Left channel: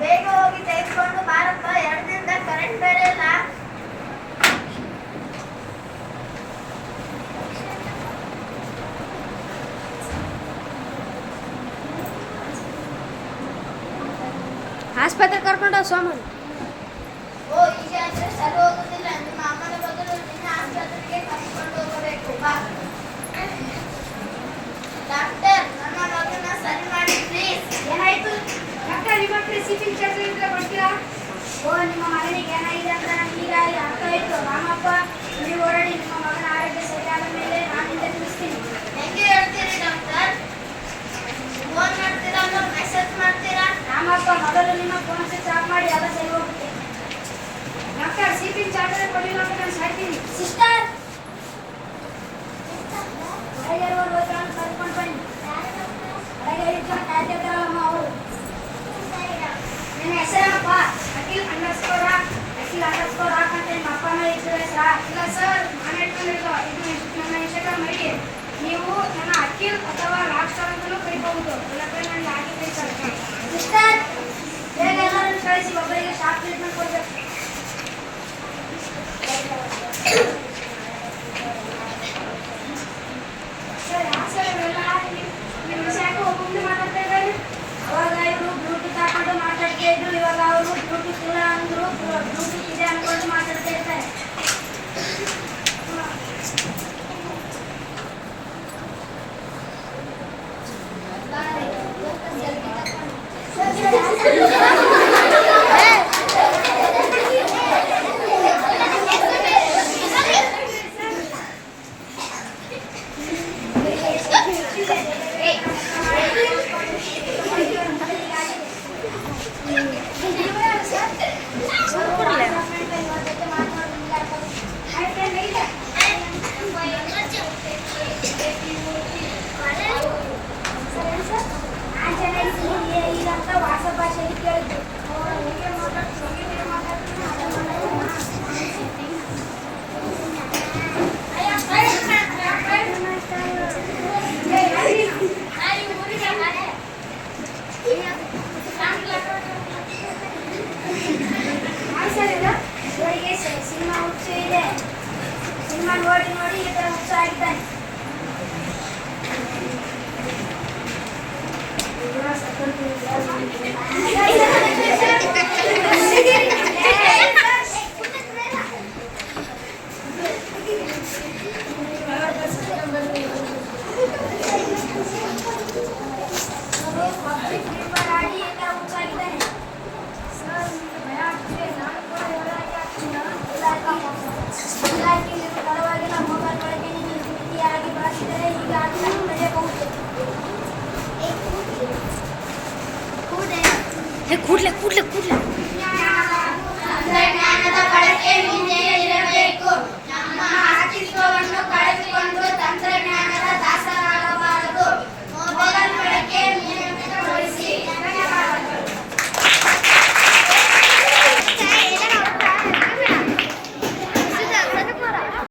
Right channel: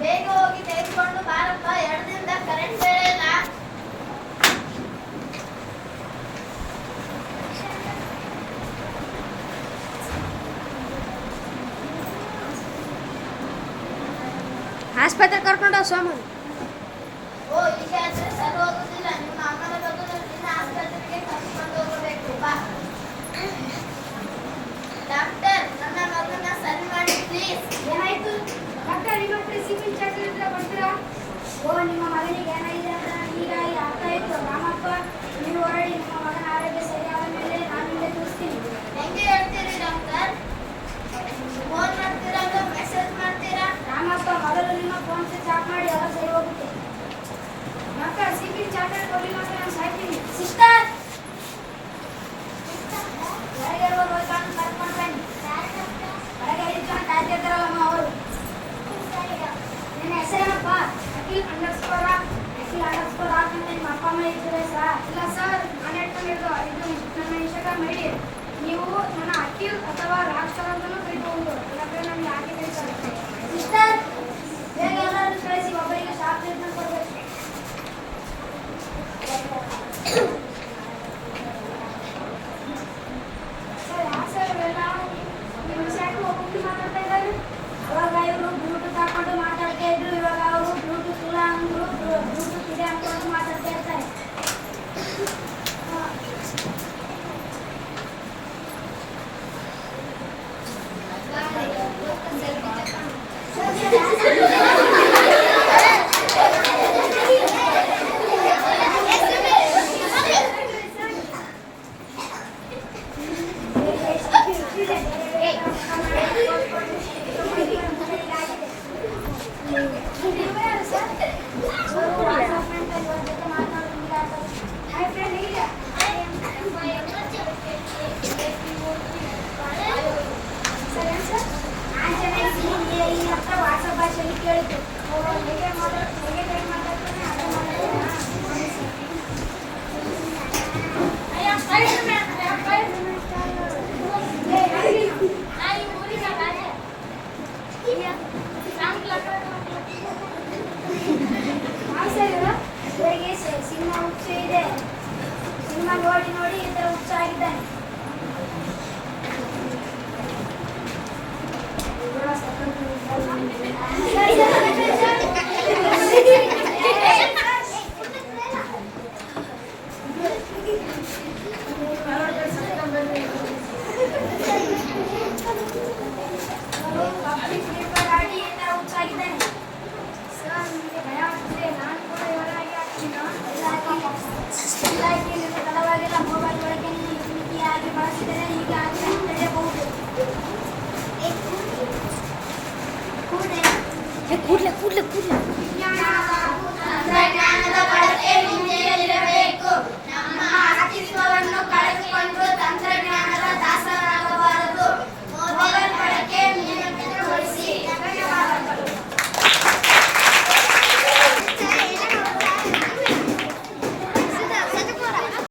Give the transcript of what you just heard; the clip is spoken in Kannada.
ಬೇಗ ಹೋಗಿ ತೆಗೆದುಕೊಂಡು ಬಾರಪ್ಪ, 2 ದಿನದ ಕರೆಂಟ್ ಬೇರೆ ಇಲ್ಲ. ಆಸ್ಪತ್ರೆ ಕರ್ಕೊಂಡು ಸೋಮನ್. ಓ, ಈಗ ಆದ್ರೆ ಸರಿ ಹೋಗುದಿಲ್ಲ. ನಿಮ್ಮ ಅಮ್ಮನ ಬದಲು ನಿನ್ನ ಆಸ್ಪತ್ರೆಗೆ ಕರ್ಕೊಂಡು ಹೋಗಬೇಕು. ಬಾ ಡಾಕ್ಟರ್, ನನ್ನ ಮಗನ ಸರಿ ಮಾಡಿ ಪ್ಲೀಸ್. ಏನಾಯ್ತು ಡಾಕ್ಟರ್? ನಿಮ್ಮ ಪ್ರಿಸಿಪಿಂಗ್ ಚಾಕ್ಲೇಟ್ ಕೊಡ್ತೀರಾ? ಓ, ನಿಮ್ಮ ಮಗನಿಗೆ ಏನಾಗಿದೆ ಅಂತ ಈಗ ಅರ್ಥ ಆಯ್ತು. ರಾಮಪ್ಪ, ನೀವು ಹೊರಡಿ. ನಿಮ್ಮ ಮಗನ ಆರೋಗ್ಯ ಸರಿಯಾದ ಮೇಲೆ ನಾನು ನಿಮಗೆ ತಿಳಿಸ್ತೀನಿ. ಹೆಂಗೆ ಹೇಳ್ತೀರಿ ಡಾಕ್ಟರ್? ಫೋನ್ ಮಾಡ್ತೀರಾ ಅಥವಾ ಮೆಸೇಜ್ ಮಾಡ್ತೀರಾ? ರಾಮಪ್ಪ, ಮೊದಲು ನಿಮ್ಮ ಫೋನ್ ಸ್ವಿಚ್ ಆಫ್ ಮಾಡಿ, ಎಲ್ಲ ಸರಿ ಹೋಗುತ್ತೆ. ಡಾಕ್ಟರ್, ಸಿಪಿಂಗ್ ಚಾಕ್ಲೇಟ್ ಕೊಡಲಿಲ್ಲ ಅಂತ ನಾನು ಸಾಯ್ತೀನಿ. ಸಿಸ್ಟರ್, ಹೊರಗೆ ಹೋಗ್ಕೊಂಡು ಕರ್ಕೊಂಡು ಬನ್ನಿ. ಹೊರಗೆ 5 ಜನ ಕಾಯ್ತಿರ್ತಾರಲ್ಲಮ್ಮ ಅವರು. ನಿನ್ನ ಹೆಸರೇನಪ್ಪ? ಅಖಿಲ್ ಅಂಡರ್ಸ್ಕೋರ್ ರಾಕ್ ಅಂತ ನಿಮ್ಮ ಅಪ್ಪ ಅಮ್ಮ ಇಟ್ಟಿರೋ ಹೆಸರಾ? ಇಲ್ಲ ಸರ್, ನಾನು ಇಟ್ಕೊಂಡಿದ್ದು ಇದು ನನ್ನ ಇನ್ಸ್ಟಾಗ್ರಾಮ್ ಐಡಿ. ನೀವು ನನ್ನ ಅಖಿಲ್ ಅಥವಾ ರಾಕ್ ಸ್ಟಾರ್ ಅಂತಲೂ ಕರಿಬಹುದು. ಇಲ್ಲದ್ರೆ ನನಗೆ ಹಾಕಿ ಕಳಿಸ್ತಾರೆ. ಸಿಸ್ಟರ್, ಬೇಗ ಎಲ್ಲರನ್ನು ಕಳಿಸಿ, ಒಬ್ಬರಿಗೆ ಶಾರ್ಟ್ ಟ್ರೀಟ್ಮೆಂಟ್ ಕೊಡಬೇಕು. ಸರ್, ಯಾಕೆ ಸರ್ ಇವೆಲ್ಲ? ನಿಮ್ಮ ವಿಷಯಕ್ಕೆ ಒಬ್ಬೊಬ್ಬರು ಮಾತಾಡ್ತಾ ಇದ್ದಾರೆ. ಅವಾಗ ಇವರು ಬ್ಲೂಟೂತ್ ಹಾಕೊಂಡು ಮಾತಾಡ್ತಾ ಇದ್ರು, ಇವಾಗ ಅವರು ಬ್ಲೂಟೂತ್ ಇಲ್ಲ ಅಂದ್ರು, ಬ್ಲೂಟೂತ್ ಇದೆ ಅನ್ಕೊಂಡು ಮಾತಾಡ್ತಾ ಇರ್ತಾರೆ. ವಾಟ್ಸಪ್ ಭಾಷೆಯಲ್ಲಿ ಕೇಳಿದ್ದು. ಹೇಗೆ ಮಾತಾಡ್ತಾನೆ ಅದೇ ಇವರಿಗೆ ಸಿನಿಮಾ ಹುಚ್ಚು ಇದೆ. ಸಿನಿಮಾ ನೋಡಿ ನೋಡಿ ಈ ಥರ ಹುಚ್ಚ ಆಗಿದ್ದಾನೆ. ತಡವಾಗಿಲ್ಲ ಮೊಬೈಲ್ ಬಳಕೆ ರೀತಿಯಾಗಿ ಬಳಸಿದರೆ ಹೀಗಾಗಿ ನಡೆಯಬಹುದು. ಕೂಡ್ಲೆ ತಂತ್ರಜ್ಞಾನದ ಬಳಕೆ